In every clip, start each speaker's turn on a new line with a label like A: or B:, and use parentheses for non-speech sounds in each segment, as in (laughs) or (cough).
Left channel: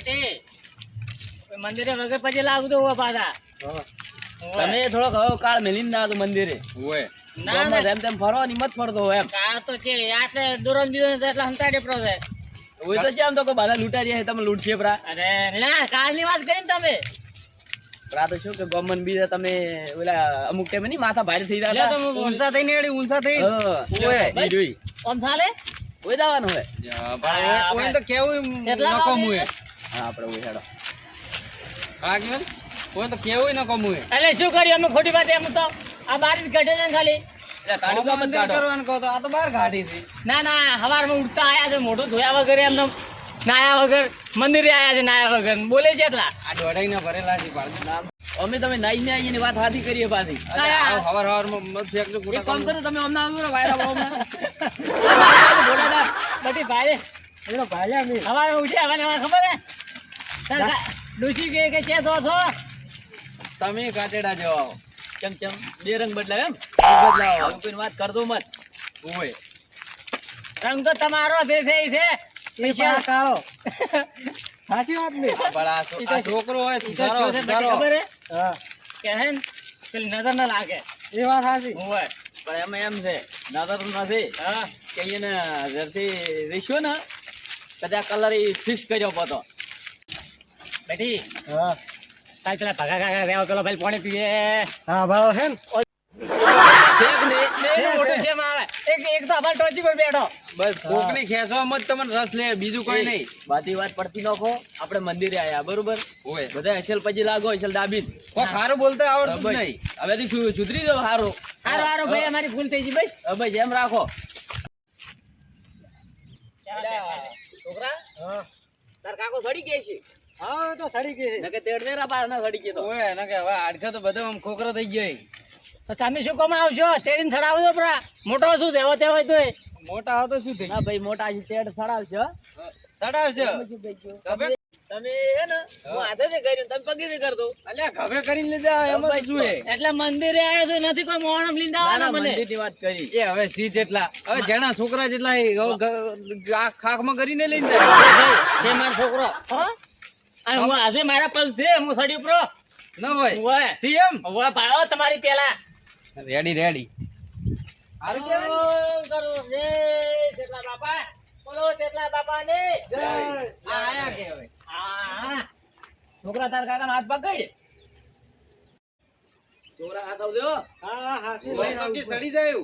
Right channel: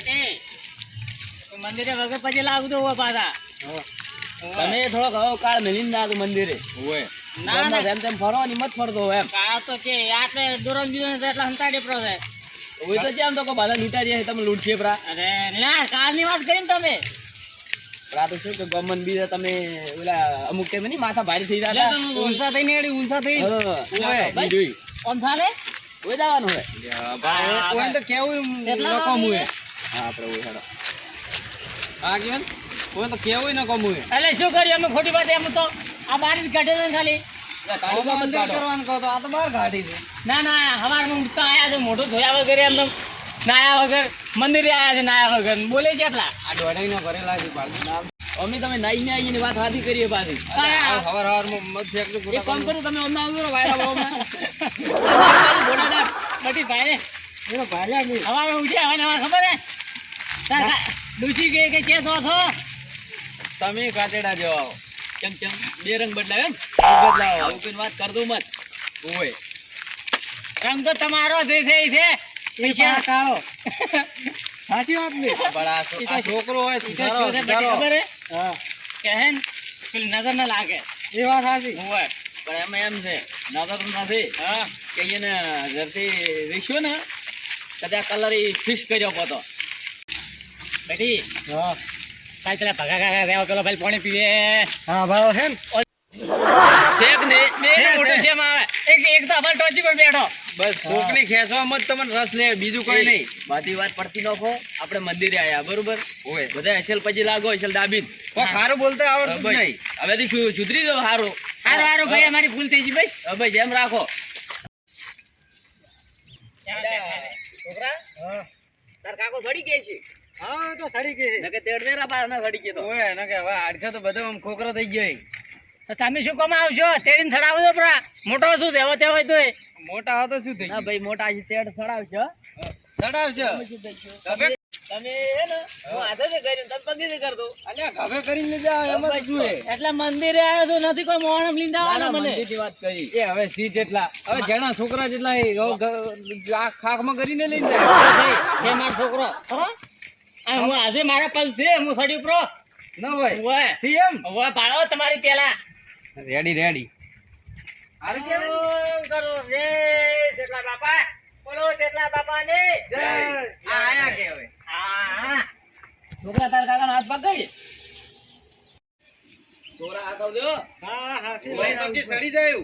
A: બાકી મંદિરે વગર પછી લાગતું હોય પાછા.
B: તમે થોડોક હવે કાળ મેલી ના તો મંદિરે.
A: ના
B: ગામમાં તેમ ફરો ને મત ફરતો હોય એમ.
A: આ તો છે આટલે દુરન બીજો એટલે હંતાડે પ્રો છે
B: હોય તો જેમ તો કોઈ બધા લૂંટા રહ્યા તમે લૂંટશે પ્રા.
A: અરે ના કાલની વાત કરીને તમે.
B: પ્રા તો શું કે ગમન બીજા તમે ઓલા અમુક ટાઈમે નહીં માથા ભારે થઈ
A: બોલો.
C: ઊંચા થઈને એડી ઊંચા થઈ ઓય.
B: બીજું
A: ઓમ ચાલે
B: ઓય જવાનું હોય.
C: ઓય તો કેવું લોકો
A: મુએ
C: હોય?
B: હા આપણે ઓય હેડો
C: હા કેવું ઓય તો કેવું ન હોય
A: એટલે શું કરીએ અમે ખોટી વાત એમ તો આ બારી ઘટે ને ખાલી
B: એટલે તાળું કામ કાઢો.
C: કરવાનું કહો તો આ તો બહાર કાઢી છે
A: ના ના હવારમાં ઉઠતા આયા છે મોઢું ધોયા વગર એમ તો નાયા વગર મંદિરે આયા છે નાયા વગર બોલે છે એટલા
C: આ દોઢાઈના ભરેલા છે બાળકો
B: અમે તમે નાઈ ને ને વાત હાથી કરીએ પાછી
C: હવાર હવારમાં મત ફેંકજો
B: એક કામ કરો તમે અમને આવજો ને વાયરા ભાવમાં.
A: ઘોડાદાર ભાઈ ભારે હવારમાં ઉઠ્યા હવે ખબર હે ડૂસી ગઈ કે કે દો છો.
B: તમે કાચેડા જેવા આવો. ચમ ચમ બે રંગ બદલાવ એમ? બદલાવો. કોઈને વાત કરતો મત.
C: ઓય
A: રંગ તો તમારો જે છે. પૈસા
C: કાળો સાચી વાત ને? બડા આ છોકરો હોય સુધારો સુધારો.
A: ખબર હે? કે હે ને પેલી નજર ના લાગે.
C: એ વાત સાચી.
A: હોય
B: પણ એમ એમ છે. નજર નથી
A: હા.
B: કે ને ઘરથી વેચ્યો ને કદાચ કલર ઈ ફિક્સ કર્યો પોતો.
A: બેટી કાલ પેલા ભગા કાકા રેવા પેલો ભાઈ પાણી પીએ
C: હા ભાવ હે ને?
B: ને
A: બે ને છે એમાં એક એક તો ટોચી પર બેઠો.
C: બસ કોકની ખેંચવામાં જ તમને રસ લે બીજું કોઈ નહીં.
B: બધી વાત પડતી નાખો આપણે મંદિરે આયા બરોબર?
C: ઓય.
B: બધા હસેલ પછી લાગો હસેલ
C: દાબી ખારું બોલતા આવડતું નહીં.
B: હવે સુધરી ગયો હારો?
A: હારું હારું ભાઈ અમારી ભૂલ થઈ ગઈ બસ.
B: ભાઈ જેમ રાખો.
C: છોકરા?
B: તાર કાકો સડી ગયા છે.
C: હા તો સડી ગઈ
B: નકે તેડ બા ના સડી ગયો તો
C: ઓય ના હવે આડખા તો બધો આમ ખોખરો થઈ ગયો
A: તો તમે શું કામ આવશો તેડીને ચડાવજો પરા મોટો શું તેવો તેવો હોય તોય
C: મોટા હતો શું થઈ
B: ના ભાઈ મોટા છે તેડ સડાવશે હો. તમે તમે હે ને હું હાથે થી કરીને તમે પગે થી કરતો
C: અલ્યા ઘવે કરીને લીધા એમાં શું હે?
A: એટલે મંદિરે આવ્યો તો નથી કોઈ મોણમ લીધા મને
B: મંદિરની વાત કરી
C: એ હવે સી જેટલા હવે જેના છોકરા જેટલા ખાખમાં કરીને લઈને જાય
A: મારો છોકરો હો હું આજે મારા પગ છે હું સડી પ્રો
C: ન હોય.
A: ઓય
C: સીએમ?
A: ઓય પાડો તમારી પેલા.
C: રેડી રેડી
A: હારું કરો રે જેટલા બાપા. બોલો જેટલા બાપા ને જય.
C: આ આયા કે હવે?
A: હા.
B: છોકરા તાર કાકા હાથ પકડ છોકરા હાથ આવજો
C: હા હા
B: ભાઈ
C: પગથી સડી જાય.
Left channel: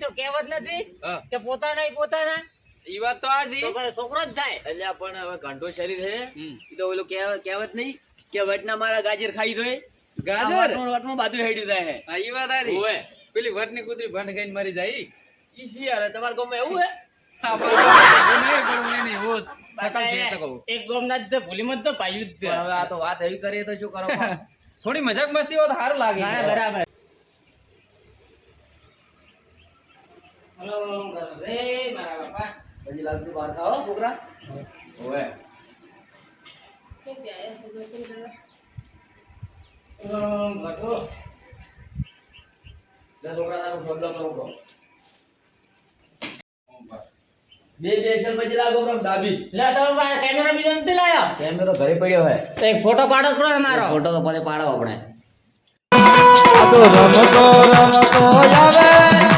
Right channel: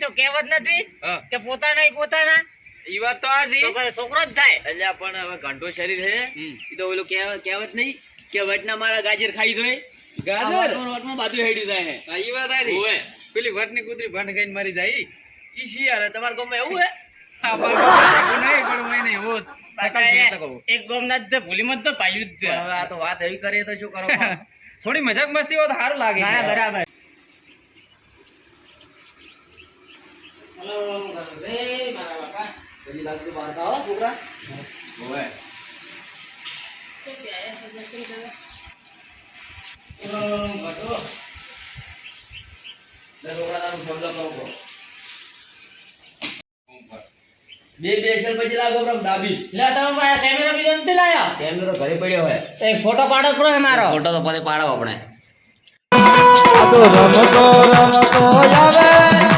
A: તો કહેવત નથી કે પોતાના પોતાના.
C: ઈ વાત તો આ છે.
A: છોકરો જ થાય.
B: એટલે પણ હવે ઘંટો શરીર છે એ તો ઓલું કહેવત કહેવત નહીં કે વટના મારા ગાજર ખાઈ દોય
C: ગાજર?
B: વટમાં બાજુ હેડ્યું જાય હા
C: ઈ વાત આ રહી.
B: ઓવે.
C: પેલી વટની કૂતરી ભંડ ખાઈને મરી જાય. ઈ.
B: શી યાર તમારા ગામમાં એવું હે?
C: હા, બસ. એવું નહીં પણ હું એને એવો શકલ છે એટલે કહું.
A: એક ગોમના જ ભૂલી મત તો પાયું જ
B: પણ હવે આ વાત એવી કરીએ તો શું કરો (laughs)
C: થોડી મજાક મસ્તી હોય સારું લાગે.
A: બરાબર. હેલો મારા બાપા.
B: પછી લાગતું બહાર ખાઓ છોકરા ઓવે
A: ઓમ ભગો
B: લે છોકરા તારું શબ્દ કરો બરો. બે બે એક્શન પછી લાગો બરો દાબી
A: લે તમે ભાઈ કેમેરો બીજો નથી લાયો
B: કેમેરો ઘરે પડ્યો હોય
A: તો એક ફોટો પાડો પ્રો અમારો
B: ફોટો તો પછી પાડો આપણે
D: સાધુ રમતો રમતો આવે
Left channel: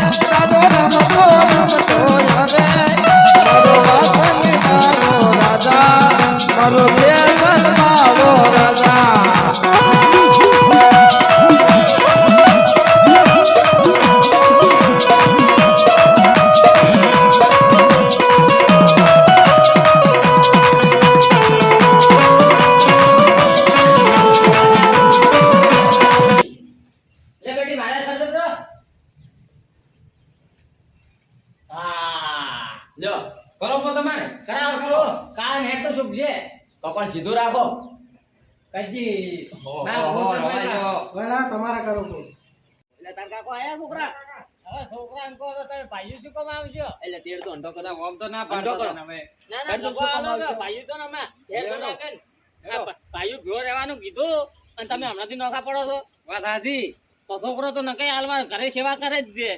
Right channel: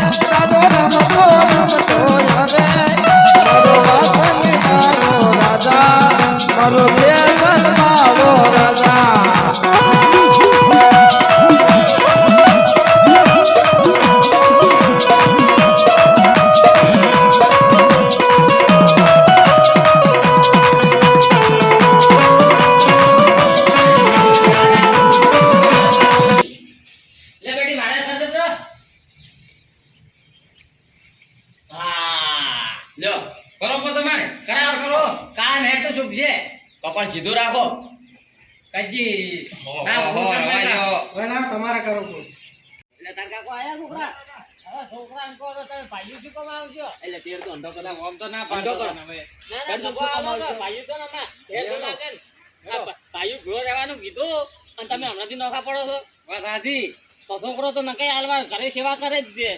A: આવજો
B: તેર તો અંધો કદાચ
C: આમ તો ના પાડતો
B: કરો.
C: હતો ને હવે.
A: ના ના
B: ભાઈઓ
A: લોકો
B: શું કામ
A: આવો
B: આવશે?
A: તો ભાઈઓ તો ને હમણાં ઘેર તો
C: હેડો.
A: નાખે ને.
C: હેડો.
A: આ ભાઈઓ ભેળો રહેવાનું કીધું અને તમે હમણાંથી નોખા પડો છો
C: વાત સાચી
A: તો છોકરો તો નકાઈ હાલમાં ઘરે સેવા કરે જ છે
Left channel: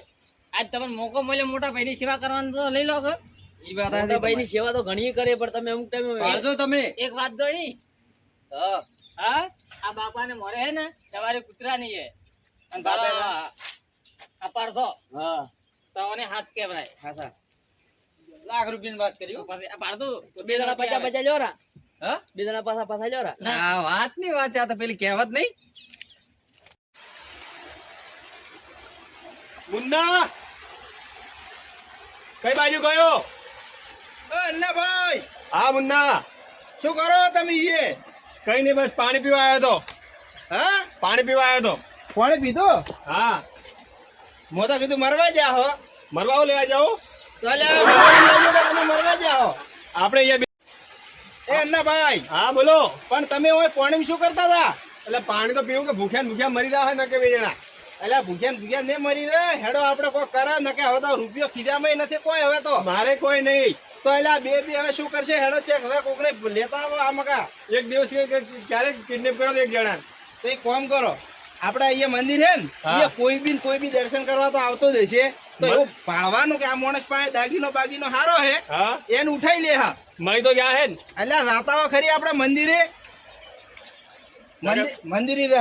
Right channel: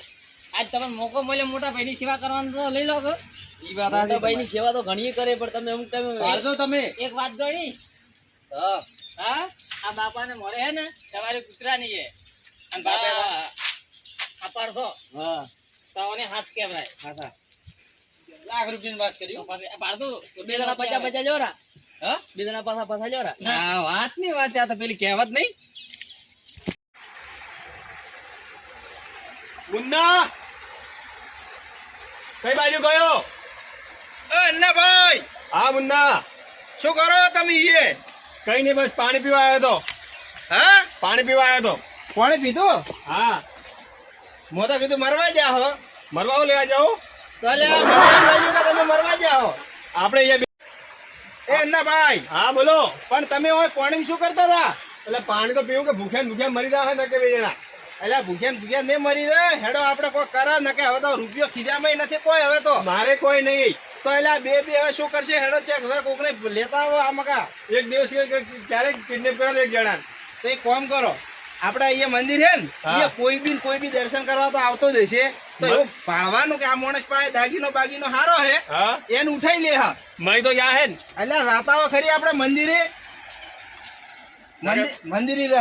A: આજ તમને મોકો મળ્યો મોટા ભાઈની સેવા કરવાનું તો લઈ લો
C: ઈ વાત
B: મોટા ભાઈની સેવા તો ઘણી કરે પણ તમે અમુક ટાઈમે
C: પાડજો તમે
A: એક વાત ગણી
B: હા
A: હા આ બાપાને મોરે હે ને સવારે કૂતરાની હે અને બાપે
B: હા.
A: આ પાડશો
B: હા
A: તો હાથ કેવરાય
C: હાચા. લાખ રૂપિયાની વાત કરી
A: તો
C: હો.
A: પછી આ પાડતું
B: તો બે જણા પચા પચા જોરા. બે જણા પાછા પાછા જોરા.
C: વાતની વાત આ તો પેલી કહેવત નહીં.
E: મુન્ના! કઈ બાજુ ગયો?
D: ભાઈ!
E: હા મુન્ના!
D: શું કરો તમે એ?
E: કઈ નહીં બસ પાણી પીવા આવ્યો તો.
D: હા?
E: પાણી પીવા આવ્યો તો.
D: પાણી પીધો?
E: હા.
D: મોટા કીધું મરવા જા હો.
E: મરવાઓ લેવા જાઓ. આપણે અહીંયા બે-
D: એ અન્ના ભાઈ.
E: હા બોલો.
D: પણ તમે હોય પાણી શું કરતા હતા?
E: એટલે પાણી તો પીવું કે ભૂખ્યા ભૂખ્યા મરી જાય ને કે બે જણા?
D: એટલે ભૂખ્યા ભૂખ્યા નહીં મરી રહે. હેડો આપણે કોઈ કરે ને કે હવે તો રૂપિયો ખીજામાં નથી કોઈ હવે તો.
E: મારે કોઈ નહીં.
D: તો એટલે બે બે હવે શું કરશે? હેડો ચેક હવે કોકને લેતા આવો આ મકા.
E: એક દિવસ ક્યારેક કિડનેપ કરો એક જણા
D: તો એક કામ કરો. આપણે અહીંયા મંદિર હે ને કોઈ બી કોઈ બી દર્શન કરવા તો આવતો જ હશે. તો એવું પાડવાનું કે આ માણસ પાસે દાગીનો બાગીનો હારો હે એને ઉઠાઈ લે હા.
E: તો જા હે ને.
D: અલ્યા રાતાઓ ખરી આપણે મંદિરે મંદિરે જ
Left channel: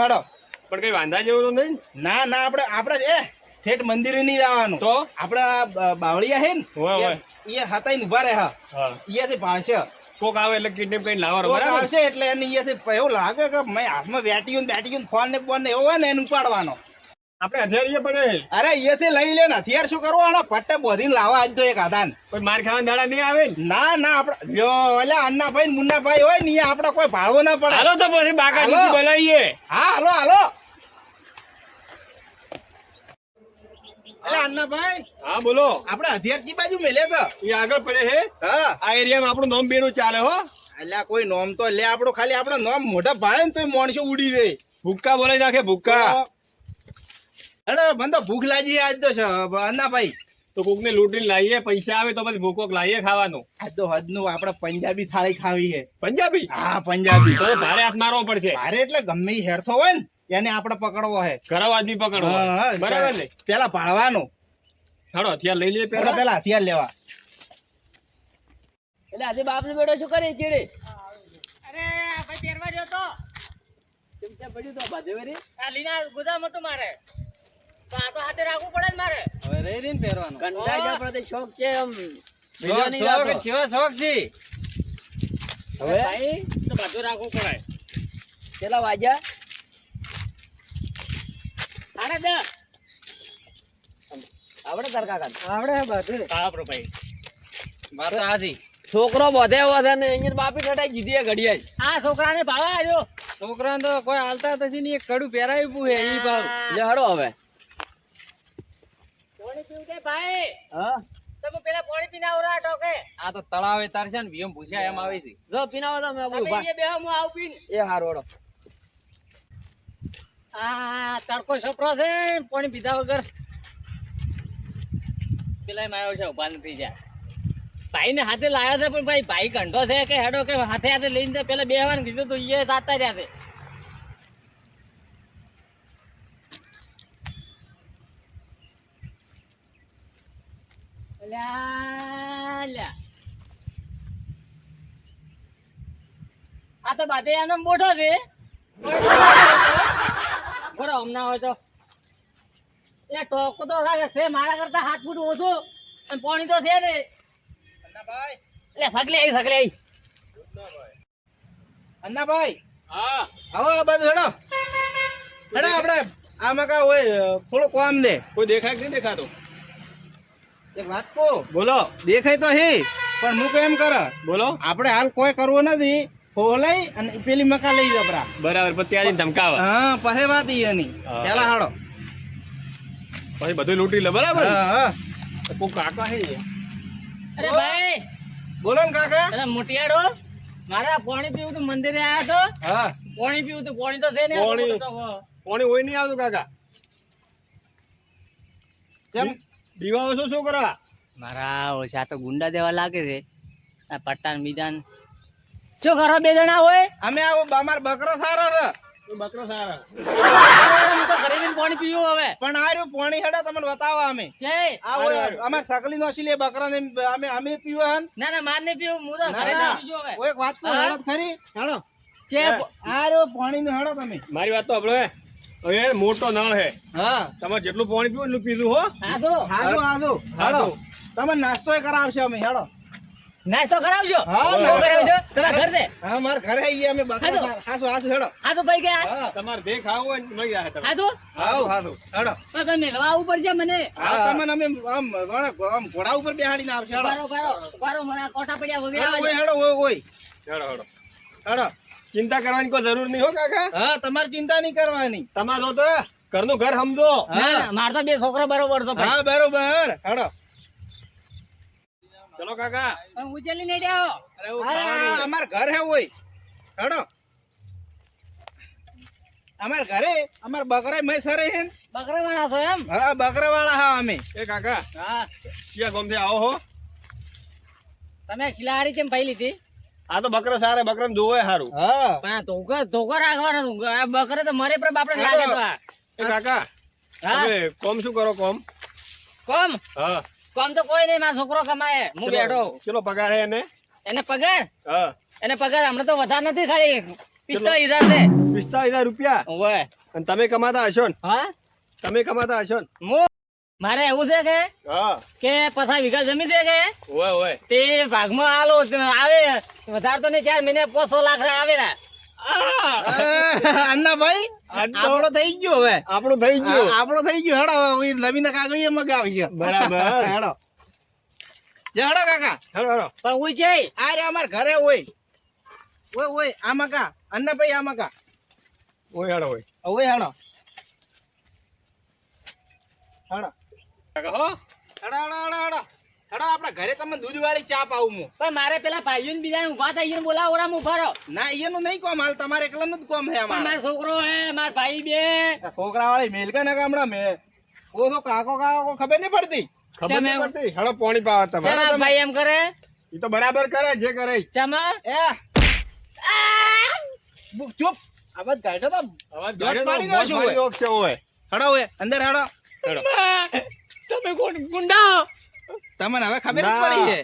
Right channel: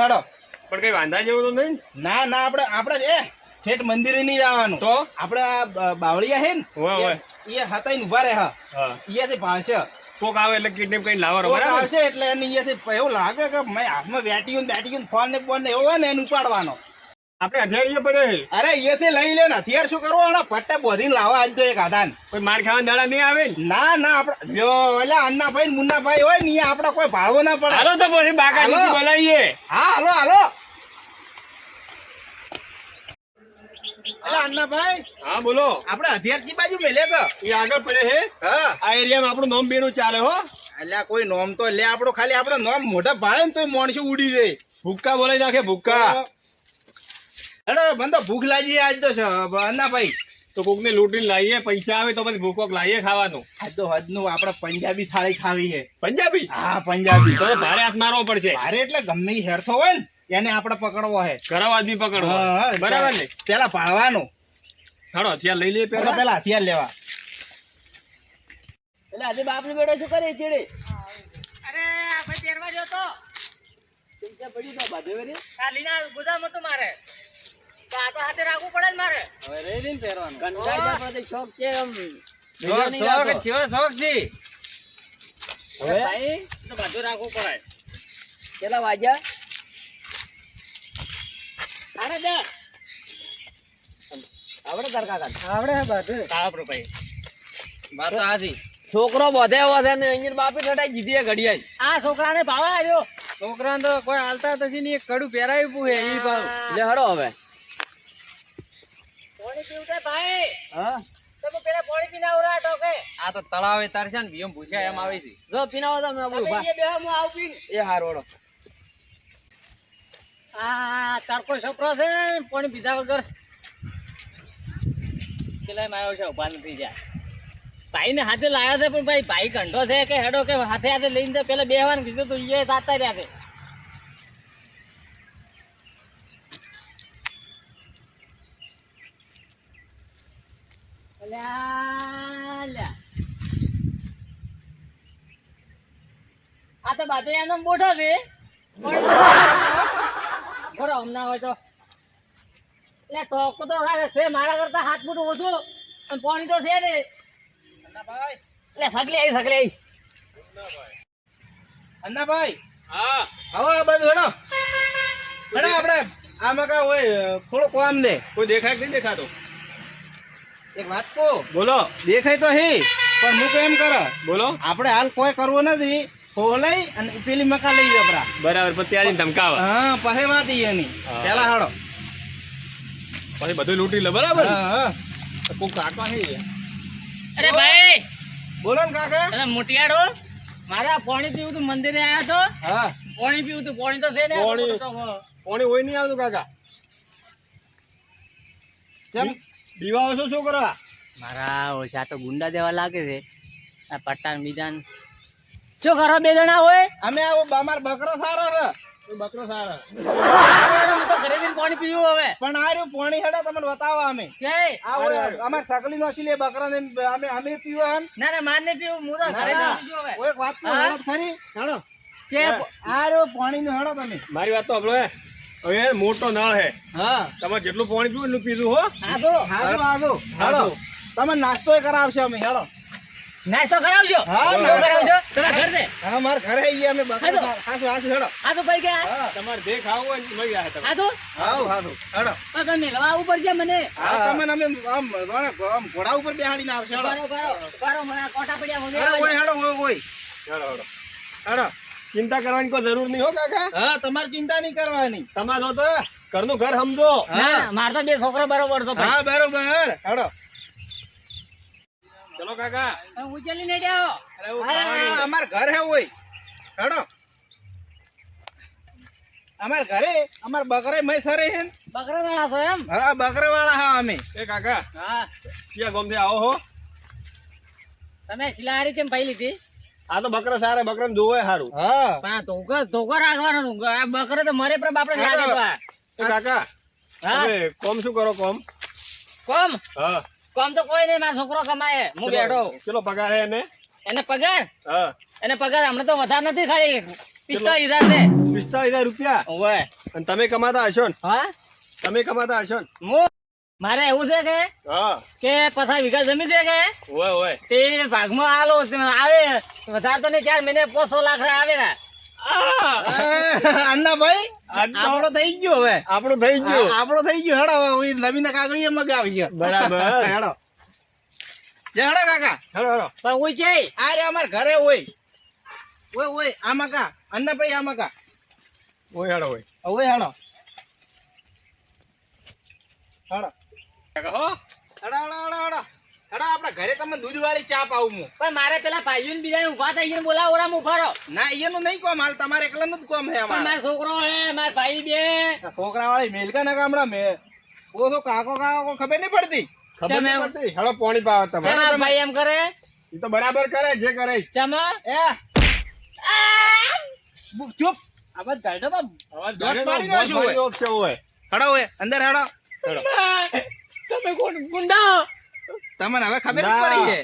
E: પણ કઈ વાંધા જેવું તો નહીં ના?
D: ના આપણે આપણે એ ઠેઠ મંદિરે નહીં જવાનું.
E: તો?
D: આપણે બાવળિયા હે ને. એ- હતાઈને ઊભા રહે હા. અહીંયાથી ભાળશે.
E: કોક આવે એટલે કિડનેપ કઈ લાવવાનો બરાબર?
D: આવશે એટલે એને અહીંયાથી એવું લાગે કે મેં હાથમાં બેટી ગયું બેટી ગયું ફોન ને ફોન ને એવો હોય ને એને ઉપાડવાનો.
E: આપણે હથિયારીએ પડે
D: અરે અહીંયાથી લઈ લે ને. હથિયાર શું કરવાનો પટ્ટે બોધીને લાવવા આજ તો એક આધાન.
E: કોઈ માર ખાવાના દાડા નહીં આવે ને?
D: ના ના આપણે જો એટલે અન્નાભાઈ મુન્નાભાઈ હોય ને આપણે કોઈ ભાળવો ના પડે.
E: હાલો તો પછી બાકા બોલાવીએ.
D: હા હાલો હાલો. એટલે અન્નાભાઈ
E: હા બોલો.
D: આપણે હથિયાર કી બાજુ મેલે તો.
E: એ આગળ પડે છે
D: હા.
E: આ એરિયામાં આપણું નોમ બેનું ચાલે હો.
D: એટલે કોઈ નોમ તો લે આપણો ખાલી આપણો નોમ મોટા ભાળે ને તો માણસો ઉડી જાય.
E: ભૂક્કા બોલાઈ નાખે ભૂક્કા.
D: અરે મને તો ભૂખ લાગી આજ તો છે, અન્નાભાઈ
E: તો કોક ને લૂંટીને લાવીએ પૈસા આવે તો પછી ભૂકોક લાવીએ ખાવાનું.
D: આજ તો હદનું આપણે પંજાબી થાળી ખાવી છે.
E: પંજાબી?
D: હા પંજાબી.
E: તો ભારે હાથ મારવો પડશે.
D: ભારે એટલે ગમે હેરથો હોય ને એને આપણે પકડવો હે
E: ઘરાવ આદમી પકડવો બરાબર ને?
D: પેલા પાડવાનું.
E: હાડો હથિયાર લઈ લઈએ
D: પેલા
E: પેલા
D: હથિયાર લેવા.
B: એટલે આજે બાપને બેટો શું કરે ચીડે?
A: અરે આ ભાઈ પહેરવા ગયો તો.
B: કે પડ્યું તો બાધે રે?
A: આ લીના ગોદામ હતું મારે. તો હાથે રાખવું પડે ને મારે.
C: હવે રહી રહીને પહેરવાનું.
B: કંટાળી જાય પણ શોખ છે એમ.
C: શોખ શોખ શોખ છે.
B: હવે?
A: ભાઈ તો બધું રાખવું પડે.
B: કેટલા વાગ્યા?
A: સાડા દસ.
B: આવડે તાર કાકા
C: આવડે બધું
A: સાડા ભાઈ
C: વાત તો
B: છોકરો બધે વધે ને અહીંયા બાપી ઠટાઈ જીધી એ ઘડિયાળ.
A: આ છોકરાને ભાવા આવ્યો
C: છોકરાને તો કોઈ હાલતા નથી ને કડું પહેરાવી પૂછે
B: એ ભાવ હડો હવે.
A: ભાઈ?
B: હા?
A: તમે પેલા પાણી પીને આવરા ટોકે
C: આ તો તળાવે તારશે ને ભીમ ભૂસ્યા એમ આવી છે.
B: જો પીનાવો તમે આપણું
A: તમે એ બેહો હું આવું પીને.
B: એ હારું
A: આ તડકો છોકરો છે? પાણી પીધા વગર. પેલા એમ આવ્યો છે ઊભા નથી જાય ભાઈ ને હાથે લાવ્યો છે પણ ભાઈ ભાઈ કંઢો છે કે હેડો કે હાથે હાથે લઈને પેલા બે વાર કીધું તો એ તાતા રહ્યા છે. આ તો બાતે એનો મોટો છે. બરો હમણાં હોય તો. એટલે ટોક તો છે. મારા કરતા હાથ ફૂટ ઓછું. અને પાણી તો છે ને.
D: અન્નાભાઈ.
A: એટલે સગલી આવી સગલી આવી
D: અન્નાભાઈ.
E: હા.
D: આવો આ બાજુ હેડો. હેડો આપણે. આમાં કા હોય થોડું કામ દે.
E: કોઈ દેખાય કે નહીં દેખાતો?
D: એક વાત કહો.
E: બોલો.
D: દેખાય તો હી પણ હું કેમ કરે.
E: બોલો.
D: આપણે હાલ કોઈ કરવું નથી. ખોલાઈ અને પેલી મકા લઈ જબરા
E: બરાબર પછી જઈને ધમકાવા.
D: હા પછી વાત એની. પેલા હાડો
E: પછી બધું લૂંટી લે બરાબર?
D: હા હા.
E: કોક કાકા હે
A: અરે ભાઈ!
D: બોલો ને કાકા.
A: અરે મોટિયાડો મારા પાણી પીવું તું મંદિરે આવ્યા તો.
D: હા.
A: પાણી પીવું તું પાણી તો છે ને
E: પાણી. પાણી હોય નહીં આવતું કાકા?
D: કેમ?
E: દીવાઓ છો શું કરવા
A: મારા ઓછા તો ગુંડા દેવા લાગે છે. આ પટ્ટા બીજા શું કરો બે જણા હોય?
D: અમે આવો બામાર બકરો સારો છે.
E: બકરો સારા?
A: હું તો ઘરે જઈને પાણી પીવું હવે.
D: પણ આ રહ્યું પોણી હેડો તમને બતાવો અમે.
A: છે
D: આવો અમાર સકલી નો લે બકરા ને અમે અમે પીવા હન.
A: ના ના માર ને પીવું હું તો ઘરે જઈને પીવું હવે.
D: એક વાત તો. હેડો ખરી. હેડો.
A: છે
D: આ રહ્યો પાણી નું હેડો તમે.
E: મારી વાત તો આપણે હવે મોટો નળ હે.
D: હા.
E: તમારે જેટલું પાણી પીવું એટલું પીધું હો.
A: હા તો
D: હાજો હાજો હેડો તમે નાસ્તો કરાવશો અમે હેડો
A: નાસ્તો કરાવજો.
D: હા.
A: કરાવજો. તમારા ઘર દે
D: હા માર ઘરે આવીએ અમે બકરા
A: હાજો.
D: હાસો હાસો હેડો
A: હા ભાઈ ગયા.
E: તમારે જે ખાવું હોય ને મળી જાય તમે
A: હા તો
D: આવો
E: સારું
D: હેડો
A: તો તમે લવા ઉપર છે મને.
D: હા તમને અમે આમ આમ ઘોડા ઉપર બેહાડીને આવશે હેડો
A: કરો કરો કરો મને કોઠા પડ્યા વગેરે
D: હેડો ઓય હેડો હોય ઓય
E: હેડો હેડો
D: હેડો
E: ચિંતા કરવાની કોઈ જરૂર નહીં હો કાકા.
D: હા તમારે ચિંતા નહીં કરવાની.
E: તમારો તો ઘરનું ઘર સમજો.
A: મારે માર તો બે છોકરો બરોબર તો
D: હા બરોબર. હડો
E: ચલો કાકા.
A: હું ઉચેલી ને
D: અરે અમાર ઘર હે ઓય. હેડો અમાર ઘરે અમાર બકરે મય સરે હે
A: બકરા વાળા છો એમ?
D: હા બકરા વાળા હા અમે.
E: એ કાકા.
A: હા.
E: ક્યાં ગમથી આવો હો?
A: તમે શિલાહારી કેમ પાઈ લીધી
E: આ તો બકરા સારા બકરા જોવે સારું
D: હા.
A: ધોકા ધોકા રાખવાનો. તું બકરા તો મરે પણ બાપડે લાગે તો આ.
E: એ કાકા હવે કોમ શું કરો કોમ?
A: કોમ?
E: હા.
A: કોમ તો કોઈ નહીં મારો છોકરો કમાય. હું બેઠો
E: ચલો પગાર હે એને?
A: એને પગાર?
E: હા.
A: એને પગાર હમણાં તો વધારે નથી ખાલી પિસ્તા હજાર છે.
E: પિસ્તાલીસ હજાર રૂપિયા?
A: ઓય
E: અને તમે કમાતા હશો ને?
A: હા?
E: તમે કમાતા હશો ને?
A: હું? મારે એવું છે કે
E: હા.
A: કે પચાસ વીઘા જમીન છે કે?
E: ઓય ઓય.
A: તે ભાગમાં આલો આવે વધારે તો ને ચાર મહિને પોસો લાખ આવે ને.
D: અન્નાભાઈ આપણો થઈ ગયો હવે.
E: આપણો થઈ ગયો.
D: આપણો થઈ ગયો. હેડો હવે ઓય નવીન કાગળીએ મગાવી ગયો
E: બરાબર. (laughs)
D: હેડો. જે હેડો કાકા.
E: હેડો હેડો.
A: પણ હું છે.
D: આ રે અમાર ઘરે ઓય. ઓય ઓય આમાં કા? અન્નાભાઈ આમાં કા?
E: ઓય હેડો ઓય.
D: ઓય હેડો. હેડો.
E: હો?
D: હેડો હેડો હેડો હેડો હેડો આપણા ઘરે તમને દૂધ વાળી ચા પાવું હું.
A: પણ મારે પેલા ભાઈઓ ને બીજા ઊભા થઈ ગઈને બોલાવો ઓરા હું ફરો
D: ના એનું નહીં કોમ હાલ તમારે એકલાનું જ કોમ હે અમારે.
A: મારો છોકરો હે મારા ભાઈ બે.
D: છોકરા વાળી મેલકા ના ગામડા મે ઓ તો કાકો કાકો ખબર નહીં પડતી?
E: ખબર નહીં પડતી? હેડો પાણી પાવા તમે.
A: ભાઈ એમ કરે?
E: એ તો બરાબર કરે જે કરે.
A: ચમા.
D: એ. બુક ચૂપ. અવાજ ગાઢો તો
E: અવાજ
D: પાડી ઓય. અંદર હેડો
E: હેડો
A: તમે કોણ? ગુંડા!
D: તમને હવે ખબર પડી છે.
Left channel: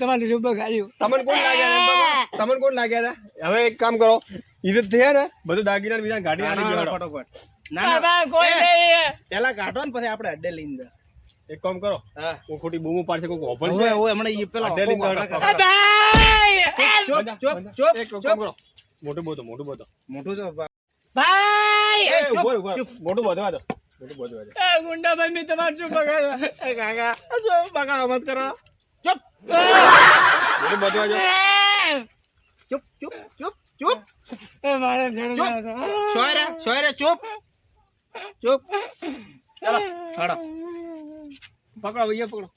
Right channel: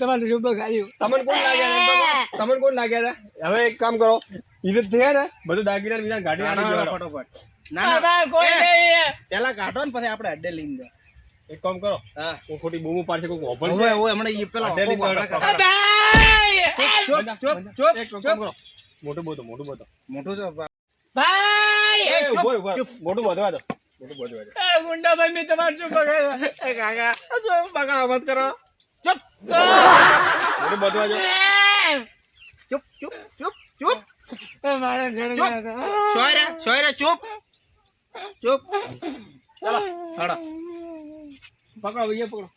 A: તમારી શુભ ગાયું
E: તમને કોણ લાગ્યા. તમને કોણ લાગ્યા હતા હવે એક કામ કરો. ઈધર થયા ને બધું દાગીના બીજા ગાડી આની.
D: ફટોફટ. ના ના.
A: કોઈ નહીં
D: પેલા કાઢો ને પછી આપણે અડ્ડે લઈને જાય.
E: એક કામ કરો.
D: હા.
E: હું ખોટી બૂમો પાડશે કોઈ ઓપન છે?
D: ઓય હમણે ઈ પેલા ચૂપ ચૂપ ચૂપ
E: એક કામ કરો. મોટું બોધો મોટું બોધો.
D: મોટું તો
A: ભાઈ.
E: મોટું બોધવા દો.
A: ગુંડા ભાઈ મેં તમારે શું બગાડ્યું?
D: એ કાકા જો બગાડો મત કરો. ચૂપ.
E: બોધવા દો
D: ચૂપ ચૂપ ચૂપ ચૂપ.
A: એ મારા ઘરે
D: ચૂપ.
A: ગયા હતા.
D: સોયરે સોયરે ચૂપ. ચૂપ. ચાલો હેડો.
E: પકડો ભૈયા પકડો.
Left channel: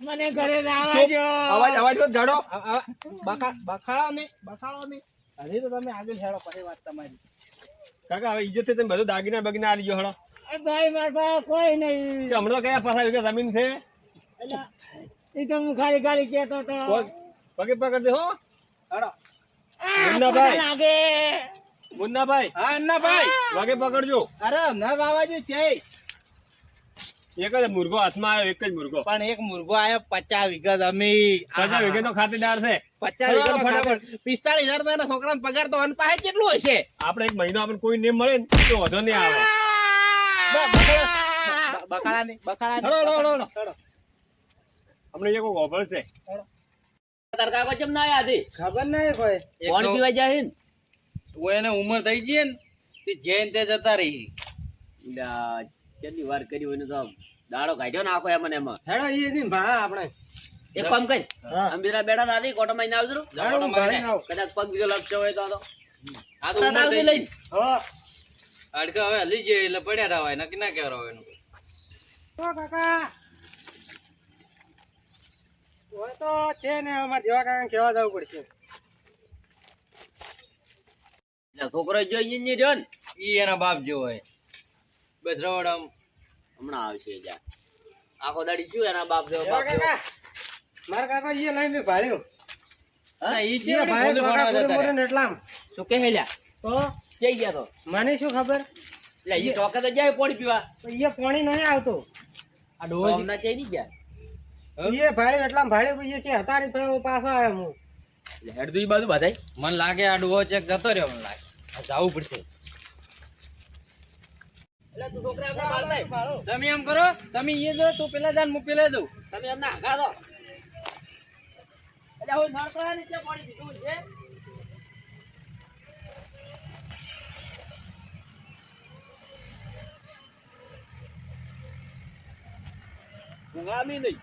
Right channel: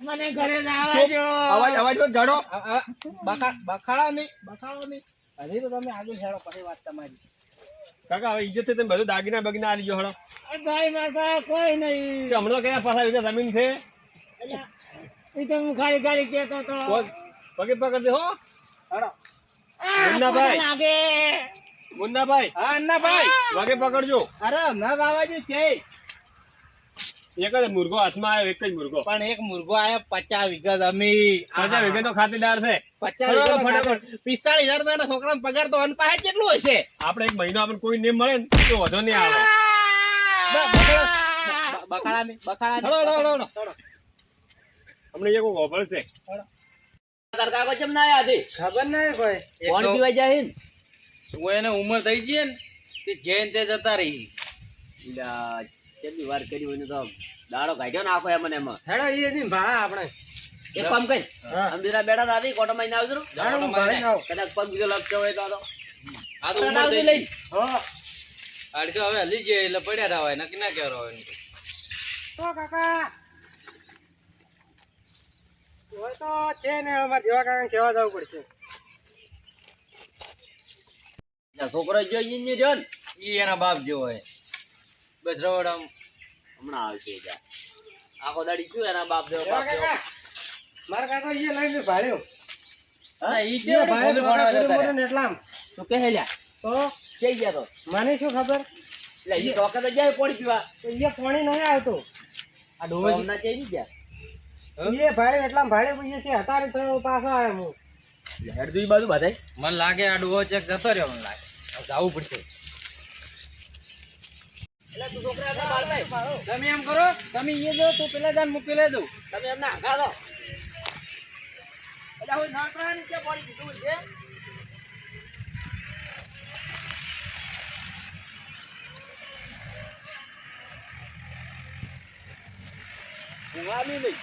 A: મને ઘરે જવા
E: ચૂપ.
A: દો.
E: અવાજ અવાજ
D: આ- આ બખા બખાડો નહીં બખાડો નહીં. હજી તો તમે આગળ હેડો પછી વાત તમારી.
E: કાકા હવે ઈજ્જતથી તમે બધું દાગીના બગીના આવી ગયો હળો
A: ભાઈ મારા પાસે કોઈ નહીં.
E: હમણાં કયા પાછા વીઘા જમીન છે?
A: એ તો હું ખાલી ખાલી કેતો તો
E: પગે પકડ દે હો. મુન્નાભાઈ.
A: લાગે.
E: મુન્નાભાઈ.
D: હા અન્નાભાઈ
E: વાગે પકડજો.
D: અરે ન ગાવાજો છે.
E: એક જ મુર્ગો હાથમાં આવ્યો એક જ મુર્ગો.
D: પણ એક મુર્ગો આયો પચાસ વીઘા જમીન.
E: પચાસ વીઘે તો ખાતેદાર છે.
D: પચાસ વીઘા પિસ્તાળીસ હજાર ના છોકરા પગાર તો અન પાસે કેટલું હશે?
E: આપણે એક મહિનો આપણને કોઈ નેમ મળે ને તો વધુ નહીં આવે.
D: બ- બખાડા- બ- બખાડા નહીં બખાડા
E: હેડો, હેડો, હેડો, હેડો.
D: હેડો.
E: હમણાં એક ઓભળ છે
A: તાર કાકો ચમ ના આયા
D: ખબર નહીં કોઈ
A: કોણ પીવા જાય છે ને?
C: એને ઉંમર થઈ ગઈ ને તે જૈન તે જતા રહી
B: કેટલી વાર કરી હોય ને તો દાડો કાઢ્યો ને આખો એમાં
D: હેડા એ દી ભાડા આપણે
B: એક કામ કઈ અંબીરા બેડા આધી કોટો માં આવજો
D: ભાડે
B: કદાચ પગ બીજો લગતો હોય તો આ તો
C: ઉંમર થઈ
B: લઈ
D: હા.
C: આડી હવે હલી જઈએ એટલે પડ્યા રહેવાય નક્કી ના કહેવાય હોય
D: તો કાકા હોય તો છે ને અમારે જેવા કાકા કેવા જવું પડશે.
B: છોકરો ને જો ને?
C: ઈ એના બાપ જેવો હોય બસ રવડ આમ.
B: હમણાં આવશે જા. આખો દાડી શું એના બાપ જેવો બાપ
D: કાકા મારા કાકા એ લઈને ભાડ્યો.
B: હા?
C: ઈ
D: એ
C: ચેવડી
D: ભાડે
C: ભોલું ભણવા જતા રહ્યા.
D: એટલા
B: તું કહે લ્યા?
A: તો
B: જઈ ગયા તો.
A: મને શું ખબર?
B: એટલે એ ટોકે તો જાય પાણી પીવા.
A: તો એ પાણી નહીં આવતો.
B: આ ડોહા જઈ નહીં ગયા?
A: એ ભાડે એટલા ભાડે એ છે હતારી તો પાછો આવ્યો હું.
B: હેડ દુઈ બાજુ બધાય.
C: મને લાગે આ ડોવો ચેક જતો રહ્યો મને લાગે. જવું પડશે.
B: છોકરા
C: તમે એમ કરો તમે એ દો તું પેલા દાન હું પેલા દઉં.
B: તમે એમને આગા દો એટલે હું નળકરા નીચે પાણી પીધું છે. ઊંઘામી નહીં.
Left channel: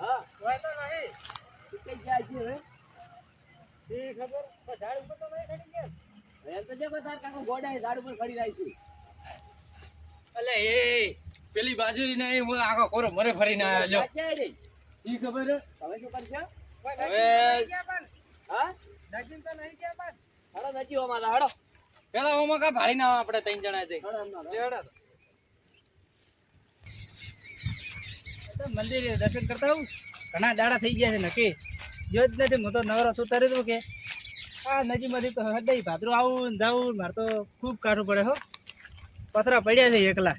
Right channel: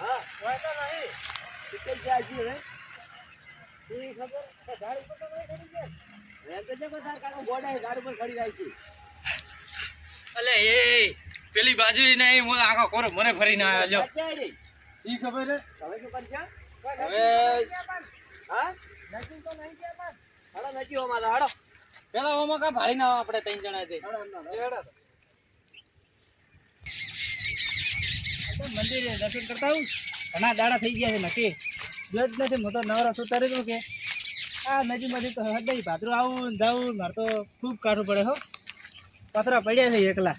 B: હા.
A: હોય તો નહીં
B: ટિકિટ જાય છે હે
A: ખબર? ઉપર તો નહીં ચડી ગયા.
B: એમ કે જે કાકો ગાડી ખડી જાય છે.
C: અલે એ પેલી બાજુ ને એ હું આખો કોરો મરે ફરીને આવ્યો લ્યો.
B: જાય નહીં
C: શી ખબર હે?
B: તમે શું કરશો?
C: હવે
B: હા?
A: નજીક તો નહીં ગયા પણ.
B: હડો હો
C: પેલા ઓમાં કા ભાળી ના આપણે ત્રણ જણા તે
B: હડો હડો, હડો
C: લેવડા તો.
A: તો મંદિરે દર્શન કરતા આવું. ઘણા દાડા થઈ ગયા છે નક્કી. જો જ નથી હું તો નવરો છું દઉં કે? આ નજીકમાંથી તો હદાઈ ભાદરો આવું ને જાવું મારે તો ખૂબ કાઢવું પડે હો. પથરા પડ્યા છે એકલા.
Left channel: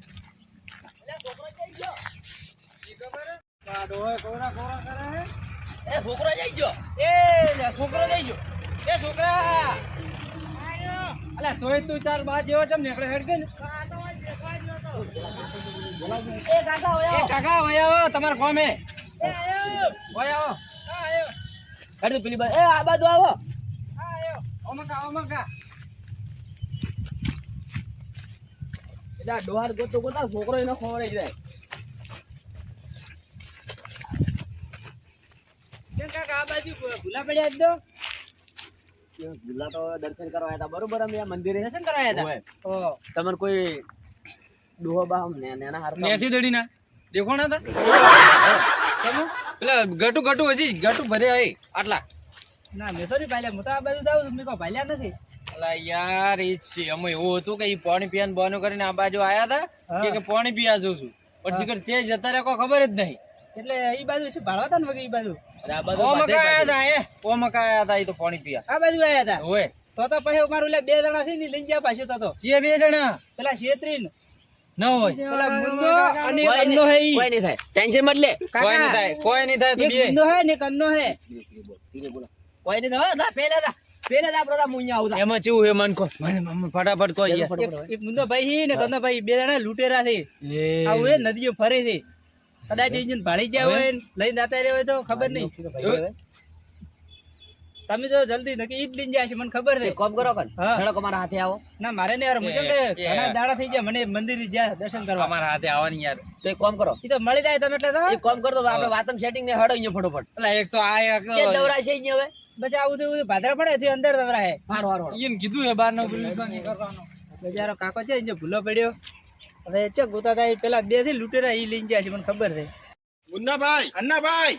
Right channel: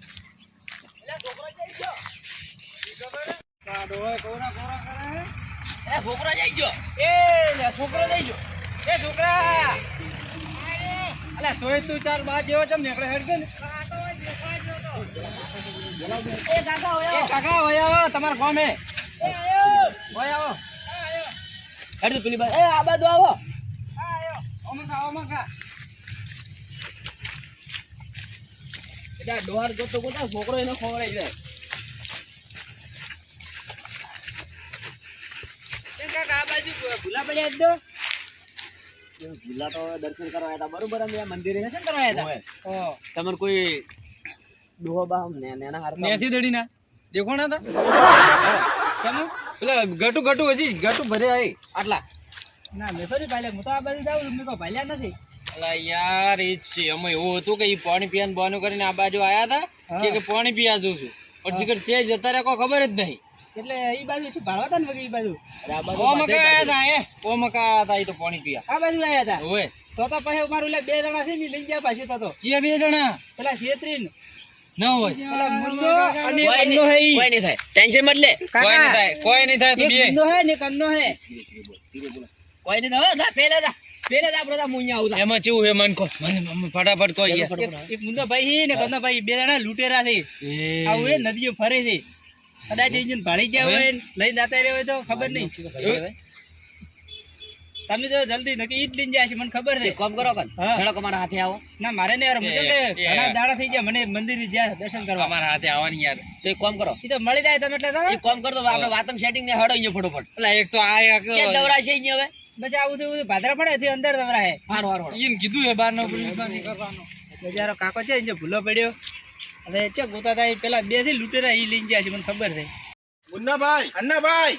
B: છોકરો જઈ ગયો.
C: એ છોકરો જઈ ગયો. એ છોકરા. અલા સોય તું ચાર બાદ જેવો ચમ નીકળે હેડ ને.
A: એ કાકા
C: એ કાકા વય આવો તમારા ફોમે વય આવો.
B: હેડ પેલી બાજુ. એ આ બાજુ આવો.
C: ઓમાં કા
B: એટલે ડોહાર ગોતો ગોતા છોકરો એને ખવડાવી જાય
A: ભૂલા પડ્યા
B: ભૂલા તો દર્શન કરવા આવ્યા હતા. બરોબર અમે મંદિરે
A: દર્શન કરવા આવ્યા. હતા? ઓ
B: તમારે કોઈ ડોહો બા ને નેના હારતા
C: નેસી દડી ના તા કેમ પેલા ગટુ ગટુ હજી ગટુ ભરે આઈ. આટલા.
A: ના મેં તો નહીં હું તો આ બાજુ જાઉં મેં કોઈ ભાલ્યા નથી.
C: અલા યાર એ છે. અમે એવું હતું કે ઈ પાણી પીવાનું બોનું કરીને આ બાજુ આયા હતા કે કે પાણી પીવા જઉં છું. પછી કે ચે જતા રહ્યા કોઈ ખબર જ નહીં.
A: એટલે એ બાજુ શું ભાળવા હતા ને વગર એ બાજુ?
B: અરે આ બાજુ
C: ઓમાં
B: બાધે
C: કાયા
B: બાધે.
C: હતા એ હતા તો પાણી પીવા.
A: આ બાજુ આવ્યા હતા?
C: ઓય.
A: તો તો પછી મારું બે જણા છે ને લઈ ગયા પાછું તો તો.
C: બે જણા?
A: પેલા શેત્રીન.
C: ન હોય.
A: મુન્નો અને એક હે
B: કોઈ નહીં થાય. ટેન્શન મત લે.
C: કોઈ નહીં થાય કોઈ નહીં થાય તું બે.
A: મુન્નો હે ને એક હે.
B: કોઈ નહીં થાય. હો, જા પેલે જા. પેલે જા આપણે જા મુંજા આવું જા.
C: એમાં ચેવું હે મન કો? મને મને ફટાફટ કોઈ
A: એક- મુન્નો ભાઈ હી ને એક ભાઈ બે જણા લૂટેરા છે. આવું એ નદીઓ ફરે છે. કદાચ ઇન્જિન ભાળી ગયા હોય ને લઈને જતા રહ્યા હોય તો ખબર નહીં. તમે તો જલ્દી નકી ઈદ દિન જાય છે મને ખબર છે.
B: કોમ કરો કન
A: હા.
B: હેડો તમારા હાથે આવો.
A: ના મારે ને યાર હું કે ઘણા દાડા થઈ ગયા મને મંદિર જ્યાં દર્શન કરવા.
C: મારા હાથે આવવાની યાર.
B: તો એક કોમ કરો.
A: ઈ તો મળી જાય તમે એટલે તો.
B: એક કોમ કરો તો આપણે વાતમ સેટિંગ ને હડો અહીંયા ફટોફટ.
C: એટલે એક તો આ એક
B: કે દવરાશે અહીંયા હવે?
A: બચા આવું તો ભાદરા પડે થી અંદર દવરા હે
B: હારો હારો.
C: ઈન કીધું હે બાર નો પેલી કરવાનો
A: બજારો કાકો છે જે ભૂલો પડ્યો. હવે ચે ગોતા થાય પેલા બેથી લૂટેરા ઈ લઈને જાય છે મને ખબર છે.
E: મુન્નાભાઈ
D: અન્નાભાઈ!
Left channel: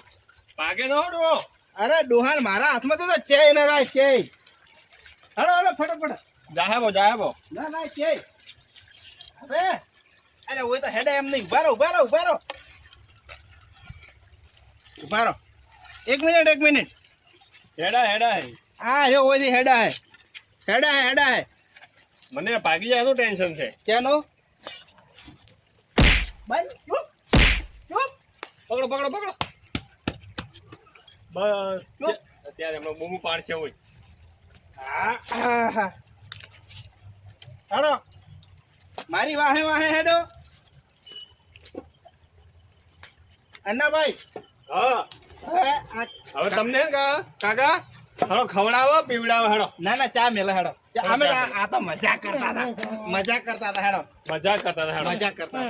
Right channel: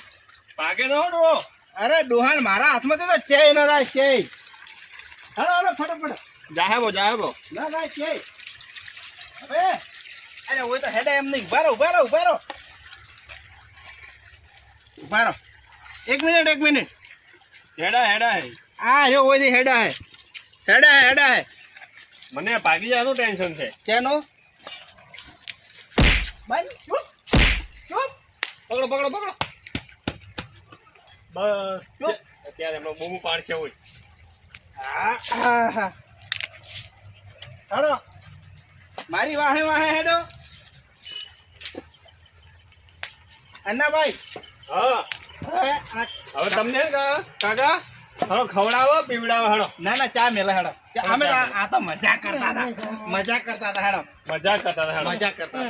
E: ભાગે ન હડવો
D: અરે ડોહાન મારા હાથમાં તો છે ના રાય ચે હાલો હાલો ફટાફટ.
E: જાહેબો જાહેબો.
D: ના ના છે. હવે અરે ઓય તો હેડા એમ નહીં. ઊભા રહો ઊભા રહો ઊભા રહો. ઊભા રહો. એક મિનિટ એક મિનિટ.
E: હેડા હેડા હે.
D: આ જો ઓય હેડા હે. હેડા હે હેડા હે.
E: મને ભાગી જવાનું ટેન્શન છે.
D: કેનો? બાઈ ચૂપ. ચૂપ. પકડો પકડો પકડો.
E: બસ. અત્યારે એમાં બૂમું પાડશે હોય
D: હા હા હા. મારી વાહે વાહે હેડો. અન્નાભાઈ.
E: હા.
D: હવે
E: તમને કાકા? હળો ખવડાવો પીવડાવો હળો
D: ના ના ચા મેલે હેડો. ચા- અમે આ તો મજા કરતા હતા. મજા કરતા હતા હેડો.
E: મજા કરતા હતા
D: મજા કરતા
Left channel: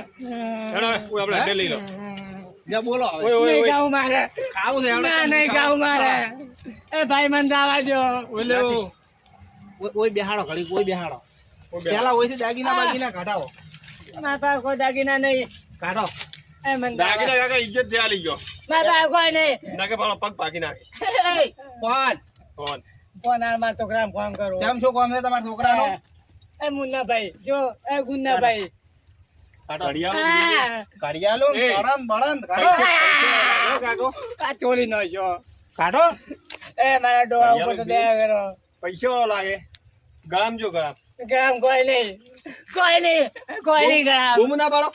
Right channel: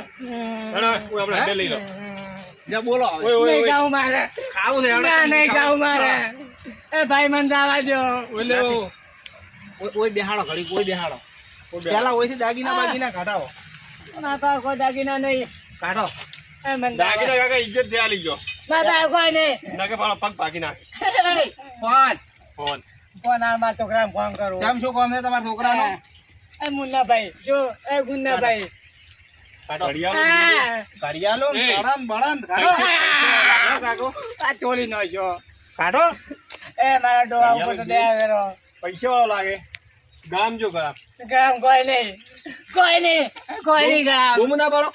E: હેડો આપણે લઈ લો.
D: જે બોલો.
E: ઓય ઓય ઓય.
A: ગાઉં મારે.
D: ખાવું છે હેડો
A: ના નહીં ગાઉં મારે. એ ભાઈ મને જવા દો
D: ઓલો ઓય- બેહાડો ઘડી ઓય બેહાડો. પેલા ઓયથી દાગીના બાગીના કાઢાવો
A: મારા પાસે કોઈ દાગીના નહીં.
D: કાઢો
A: એ મને
E: દાગીના કાકા ઇજ્જત થયા લઈ ગયો.
A: મારા પાસે કોઈ નહીં.
E: ના કે ભાડો પગ ભાગી નાખે.
D: ફોન.
E: ફોન.
A: ફોન આ મારા છોકરાને ફોન કરું.
D: કેમ શું કામ છે તમારા છોકરાનો?
A: એ મુન્નાભાઈ જો એ ગુન્નાભાઈ.
E: ઘડિયાળો.
D: બળદ બળદ કાઢો.
A: ચોરી નો છો.
D: કાઢો.
A: એ મારા ડોહા ઉપર તો દયા કરો
E: પૈસા લાગે. ગામ જો ગામ.
B: ગામ કોઈ નહીં. કોઈ નહીં. કોઈ નહીં ગામ.
E: બૂમ ના પાડો.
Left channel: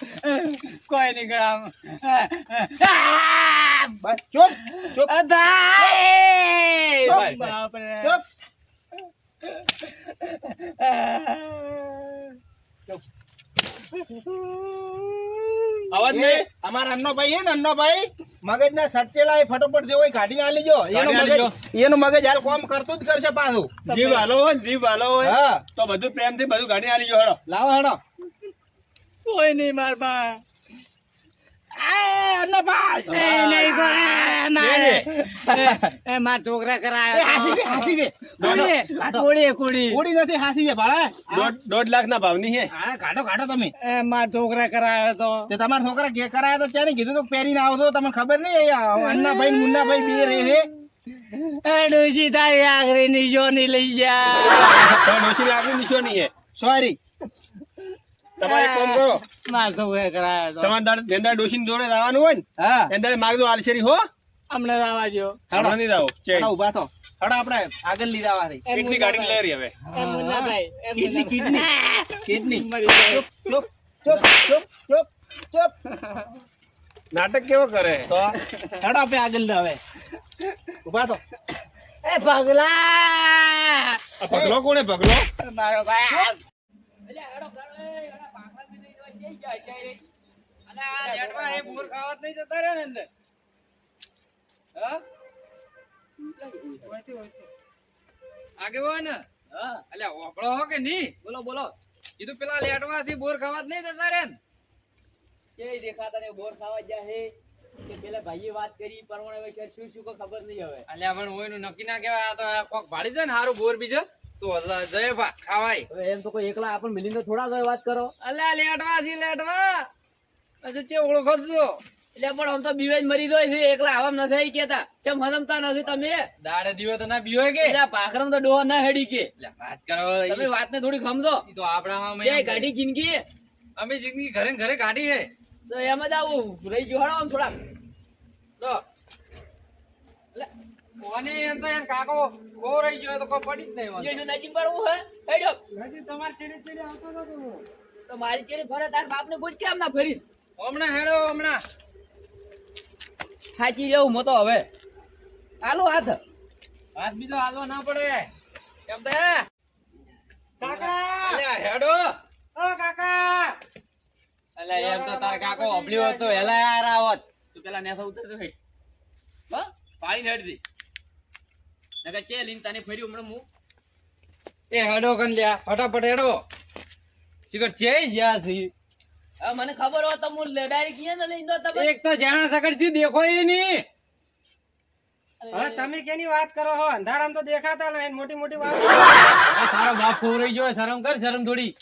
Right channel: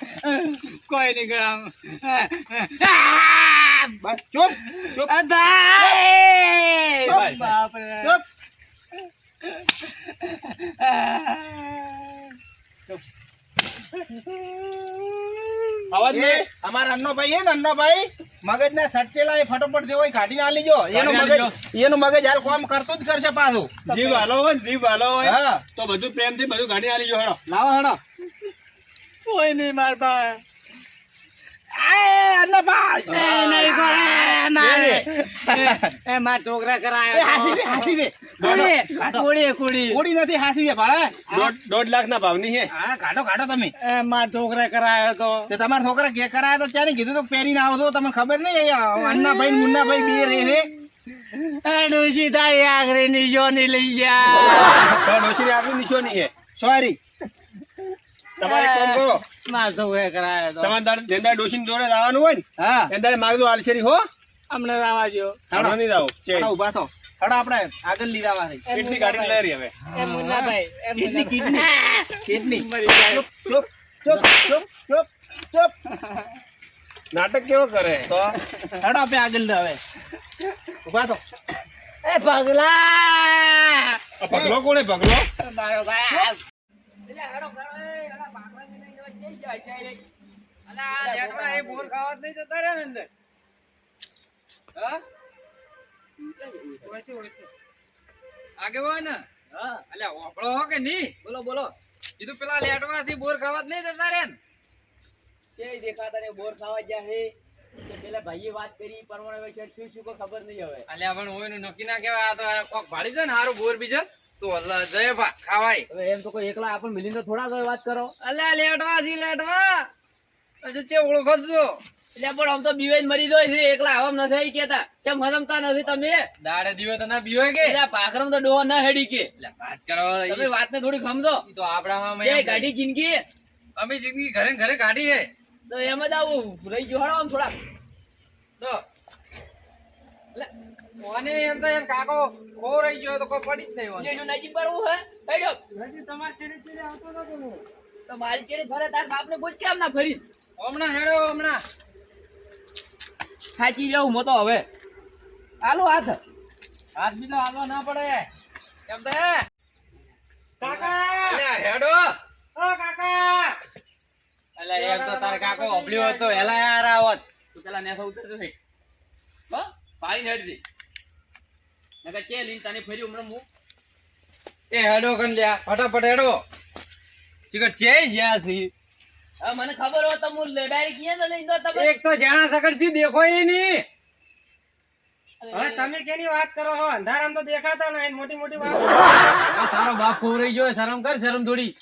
B: કોઈ નહીં ગામ.
D: બસ ચૂપ. ચૂપ.
B: ભાઈ.
D: ચૂપ. ચૂપ.
E: અવાજ નહીં
D: અમારા અન્નોભાઈ હે ને અન્નોભાઈ મગજ ના સટચેલા એ ફટોફટ જેવો એ કાઢીને લીજો એનું મગજ એનું મગજ હાલ કામ કરતું જ કરશે પાછું.
E: જીવ હાલો હોય ને જીવ હાલો હોય
D: હા.
E: તો બધું પ્રેમથી બધું ગાડી ના લીજો હેડો.
D: લાવો હેડો.
B: કોઈ નહીં માર પાસે.
D: આ અન્નભાઈ
B: એ નહીં એ માર છોકરા કરાય
D: હાસી દે હાસી દે.
B: કોડી કોડી કુડી
D: કોડી નથી હાસી દે ભાડા
E: દોઢ લાખ ના ભાવની હે.
D: હા કાઢો કાઢો તમે.
B: એ માર છોકરા કરાયો તો.
D: તો તમારા છોકરા ઘેર કરાયા તો ત્યારે કીધું તો પહેરીને આવતો તમને ખબર નહીં અન્નાભાઈ મુન્ના ભાઈ બે રહે છે.
B: એ ડોશી તારી આખરી નીચો ની લઈ જા.
E: તો ડોશીની આપણી નિશાની હે.
D: સોરી
E: તમારે કોમ કરો.
B: માર છોકરા કરાયો તો.
E: તમારે દાડે ડોશી ડોશીની જોડે જવાનું હોય ને
D: હા.
E: એને દાડે માગજો આલશેરી હો.
B: અમને આવા જો.
E: હમણાં નહીં ચેન
D: હડો ઊભા થો. હડા આપણે આગળ લીધા વાળી
B: એ
E: કેટલી ગાડી લઈ રહી હવે?
B: એ મુન્નાભાઈ એ
D: કેટલી
B: કેટલી
D: કિડની? (laughs) કિડની.
B: મરી જાય
D: ચૂપ ચૂપ ચૂપ ચૂપ ચૂપ
E: નાટક કેવો કરે?
D: તો હડા પે આગળ લે હવે. ઊભા થો.
B: એ પગલા!
E: આ પગલો કોણે પગલો?
B: મારો ભાઈ. એટલે હડો હડો એ હડા ભાગવા ને જઈ જાય છે અલા લેટવા એ બોર ખાવત નહીં જતા રે અંદર. હા?
C: આગેવાન
B: હા
C: અલ્યા ઓપળો હો કે નહીં
B: બોલો બોલો.
C: કીધું પેલા લેટવાથી બોર ખાવા જ નહીં જતા રે
B: કે દેખાતા ને બોર ખાવા ગયા હે? કે પેલા ભાઈએ વાત કરી પરમાણે વૈશે શું શું કોઈ ખબર નહીં હવે.
C: અલ્યા પણ નક્કી ના કહેવાય આ તો કોક ભાડી જાય ને હારું બોર બીજે. તો અલ્લા જય ભા ખાવાય.
B: એમ તો કોઈ એકલા આપણ મિલીને થોડા વાત કરો.
C: અલ્યા લેટવા સી લેટવા. હજુ ચે ઓળખો છો
B: એટલે પણ આમ તો બીવે મરી જાય છે એકલા આવામ નથી કેતા ચમ હરમતા નથી તમે?
C: દાડે દીવો તો ના બીવે કે?
B: એટલે પાખરમ તો ડોહા ના હેડી કે.
C: વાત કરો
B: તમે વાતને થોડી સમજો.
C: તો આપણામાં
B: જે ગાડી જિંદગી
C: અમે જિંદગી ઘરે ને ઘરે કાઢી હે.
B: તો એમ જ આવું. રહી ગયો હળો આમ થોડા
C: તો એટલે કોને એમ તો એમ કાકો ખો રહી ગયો તો કોઈ પડી જ નહીં વાંધો.
B: જેનું નજીક પડવું હે હેડ્યો
C: તમારે ચીડી ચીડી આવતો તો
B: તો મારી ચેડી ફરે તાર બાપને પૂછ કેમ ના ફરી
C: હમણાં હેડો હમણાં.
B: ખાચી જવું મો તો હવે. હાલો હાથ.
C: હાથ બીજો હાલવો ના પડે. કેમ તે કાકા! અલ્યા હેડો. ઓ કાકા!
B: એટલે
C: એમ તો તાર કાકો અભળ્યો હતો એલા યાર આવત
B: તું પેલા નેથા ઉતરતો હે. હો પાઈ હેડ દે નકર ચે લીન તને ફરી હમણાં મુ.
C: એ હેડો કન લ્યા ફટાફટ હેડો. શીખર ચે જ્યા
B: હવે મને ખબર હોય તો હું ડાયરેક્ટ કિયે તો લઈને દો તમે
C: એક તો જાણા સકડ દેખો ઈ ની
B: હવે તમે
C: કેની વાત કરો હો? અંધારામ તો દેખાતા નહીં મોટી મોટી વાત તારો બાપ ખોરાઈ ગયો શરમ કર શરમ થોડી.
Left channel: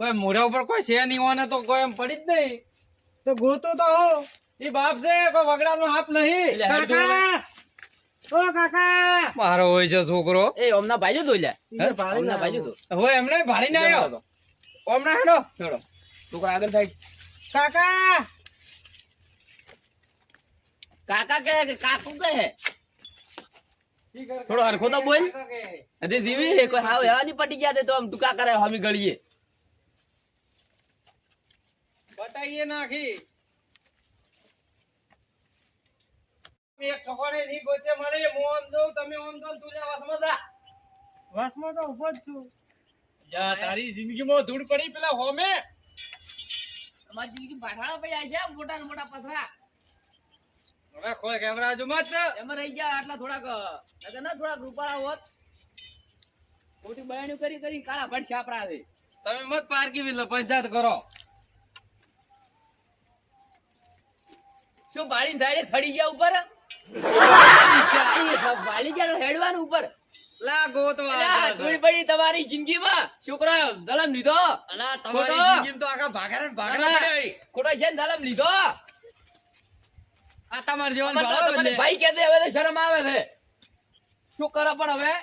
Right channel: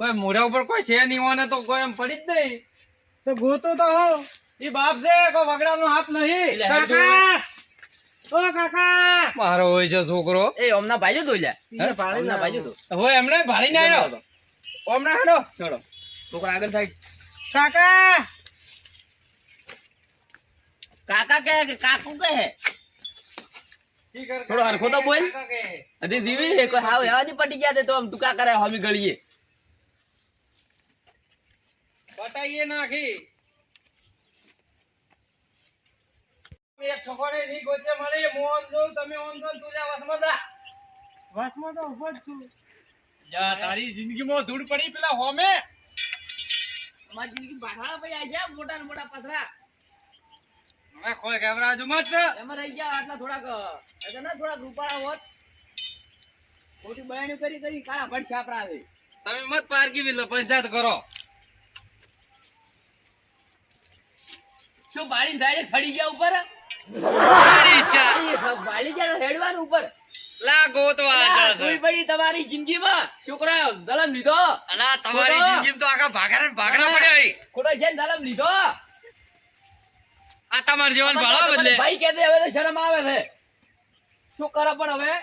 C: કોઈ મોઢા ઉપર કોઈ છે નહીં હોને તો કોઈ એમ પડી જ નહીં. તો ગોતો તો હો. ઈ બાપ છે કોઈ વગડાનો હાથ નહીં.
B: કાકા!
C: ઓ કાકા! મારો હોય છે છોકરો.
B: એ ઓમના ભાઈઓ તો ભાઈ ના ભાઈ જો
C: હોય એમને ભાડીને આવ્યો? હમણાં હેડો.
B: ચલો છોકરા આગળ થાય
C: કાકા!
B: કાકા કહે કે કાકુ કહે. થોડો હરખો તો બોલ. હજી દીવી કોઈ હાવ હેવા ની પટી ગયા તે આમ ટૂંકા કરે હમી ગળીએ.
C: બટાઈએ નાખી. એક છોકરે ની ગોચે મળે હું આમ તમે જો તું વસમાં જા. વસમાં તો ઊભો જ છું. જા તારી જિંદગીમાં ધૂળ પડી પેલા હોમે.
B: અમારી જિંદગી બાઠાળા પડી જાય છે મોટા ને મોટા પથરા.
C: હવે કોઈ ગભરાજો મત
B: એમાં રહી ગયા આટલા થોડાક એટલે ના થોડાક રૂપાળા હોત. ખોટી બયાણી કરી કરી કાળા ભટ છાપરા આવે
C: તમે મત પારકી વિલ પંચાયત કરો?
B: શું બાળી ડાયરેક્ટ ફડી ગયા ઉપર?
C: ઈચ્છા
B: બાળી ગયા હેડવાનું ઉપર?
C: લા ગોતવા
B: પડી તમારી જિંદગીમાં. છોકરા દલમ લીધો.
C: અલા તમારી જિંદગીમાં તો આખા ભાગરા ભાગરા
B: અલા, ખોટો છે દલમ લીધો.
C: આ તમાર જીવન
B: તમારે
C: બદલે.
B: ભાઈ કહેતે હવે તો શરમ આવે છે. શું કરો પણ હવે?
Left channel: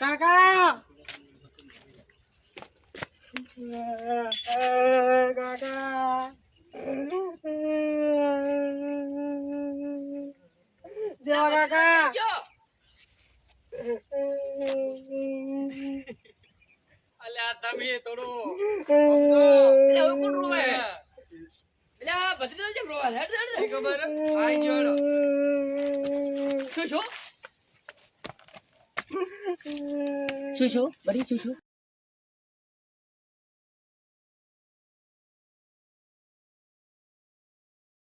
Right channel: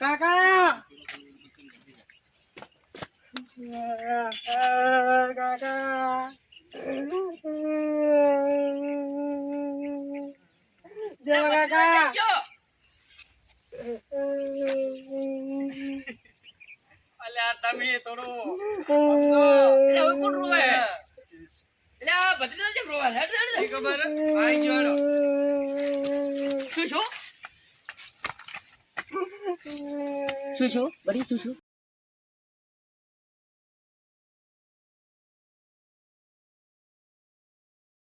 C: કાકા!
B: અલ્યા તમે થોડો એટલે શું શું શું? શું બરી